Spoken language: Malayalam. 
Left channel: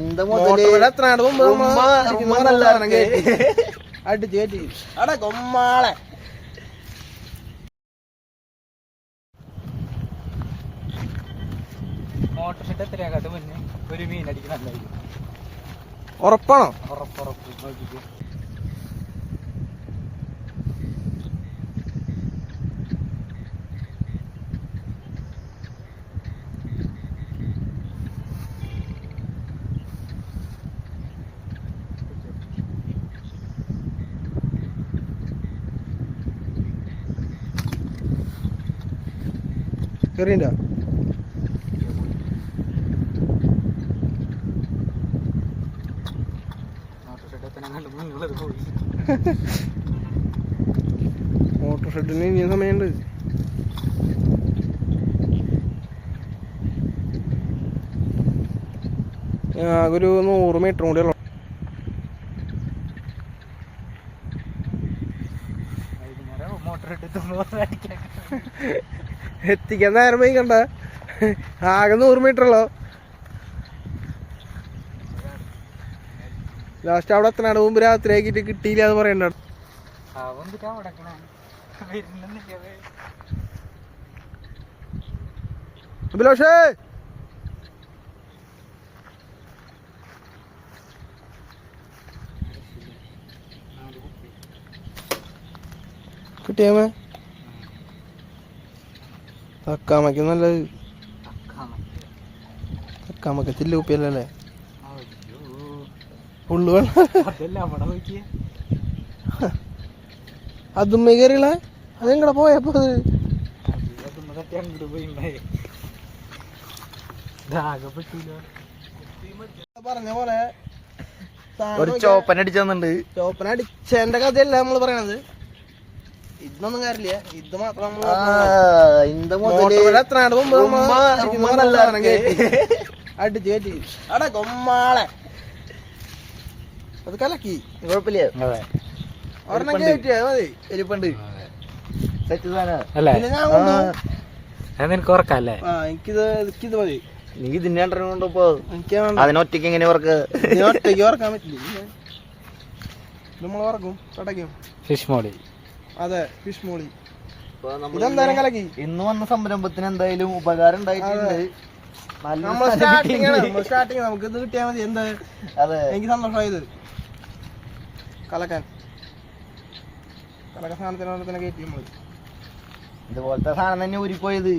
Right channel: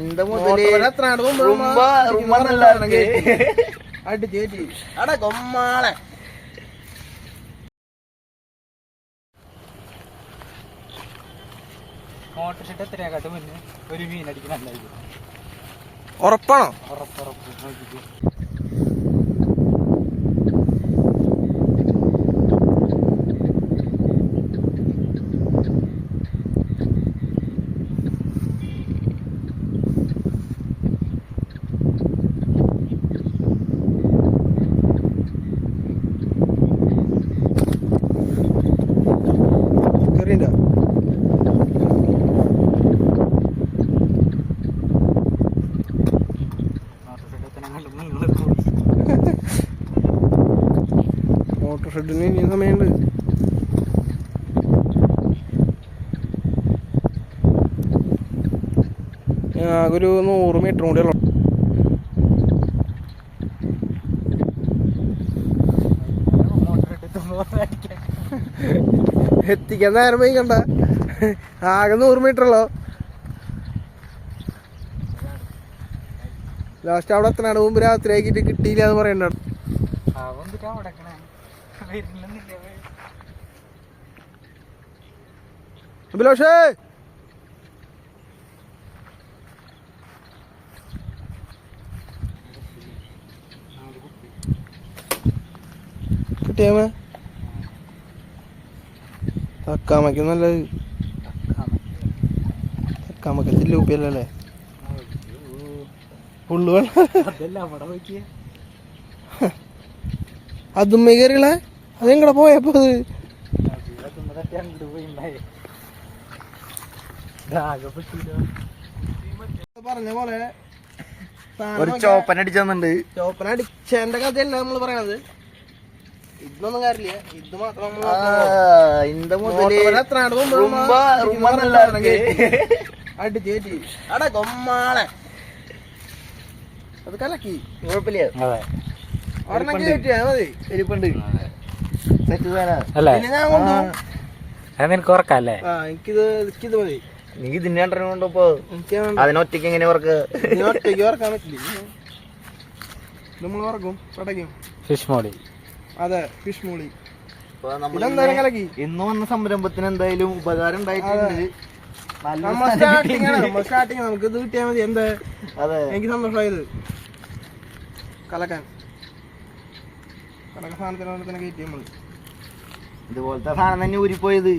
இந்த முதல்ல ரொம்ப ரொம்ப நல்லா இருக்கு. அடிச்சு ஏற்றி அட கொம்மாள മോട്ടർ ഷെഡ് എത്രയാകട്ടെ മുന്നേ ഒരു മീൻ അടിക്കണല്ലായിരിക്കും. ഉറപ്പാണോ? ഉറപ്പുറപ്പ് നോക്കിട്ട് കറിയുണ്ടോ? മോട്ടോർ ഷെഡിന് ഇനിയും സമയമുണ്ട്. ഒരു 100 മീറ്റർ കൂടെ ഉള്ളു. എത്തിക്കാൻ നേരം പോയി കണ്ട. ആകെ 100 മീറ്റർ ഉള്ളോ. ലാസ്റ്റ് അവിടെ എത്തനാണ് മുമ്പ് രാത്രി ആക്കിട്ട് കിട്ടിയില്ല എന്ന് പറയണ്ട. അഭിലാഷേ കിട്ടിയാമേ തക്കാമയ്ക്ക് നല്ലത്. തക്കാമയ്ക്ക് ചില്ലുപ്പിയല്ലേ ഫുള്ള് വെള്ളം. അതും കയറികളെ അതെങ്ങടെ പോയപ്പോ പറഞ്ഞ പോലെ ഒരു ചോപ്പന അടിച്ചെന്നുണ്ട്. ചോപ്പന അടിച്ചതിന്റെ കഥയല്ല നമ്മള് പറയണത്. ഇതൊന്നും കാര്യമില്ല. ഇത് മാത്രം അടിച്ച് കയറ്റി അട കൊമ്മാളെ അത് കലക്കി. കുഴപ്പമില്ല. ഒരെണ്ണം കയറ്റിയാ മതി. എരിപ്പുണ്ട് സെറ്റ് സാധനം. പിന്നെ ഞാൻ കൊണ്ടുപോകും. നിനക്ക് ഉറക്കല്ലേ? എനിക്കിത് മതി. നീ ഇതിന്റെ രണ്ടെണ്ണം കൊണ്ടപ്പോ എനിക്ക് അതിനൊറ്റയ്ക്ക് എങ്ങനെ ഉറക്ക? ഒറ്റയ്ക്ക് ഉറക്കാൻ പറ്റില്ല. നമ്മൾ ഉറക്കും കടക്കും. ഫിഷ് മോളി. അതെ ഫിഷ് മോളി. ഇതെന്തായാലും കലക്കി. ഇന്ന് വന്ന സംരംഭത്തിന് എന്തായാലും ഉപകാരം ഉണ്ടായിട്ടുണ്ട്. സ്റ്റാർട്ടിങ് നമുക്ക് ഇത് കിട്ടിയാൽ മതി. എന്ത് എനിക്ക് സന്തോഷമായത് കലക്കാൻ സാധനത്തിനോട് തന്നെ കയറ്റി നമ്മള്. ഇതുപോലത്തെ സാധനം തന്നെ ഊരിപ്പോയത്.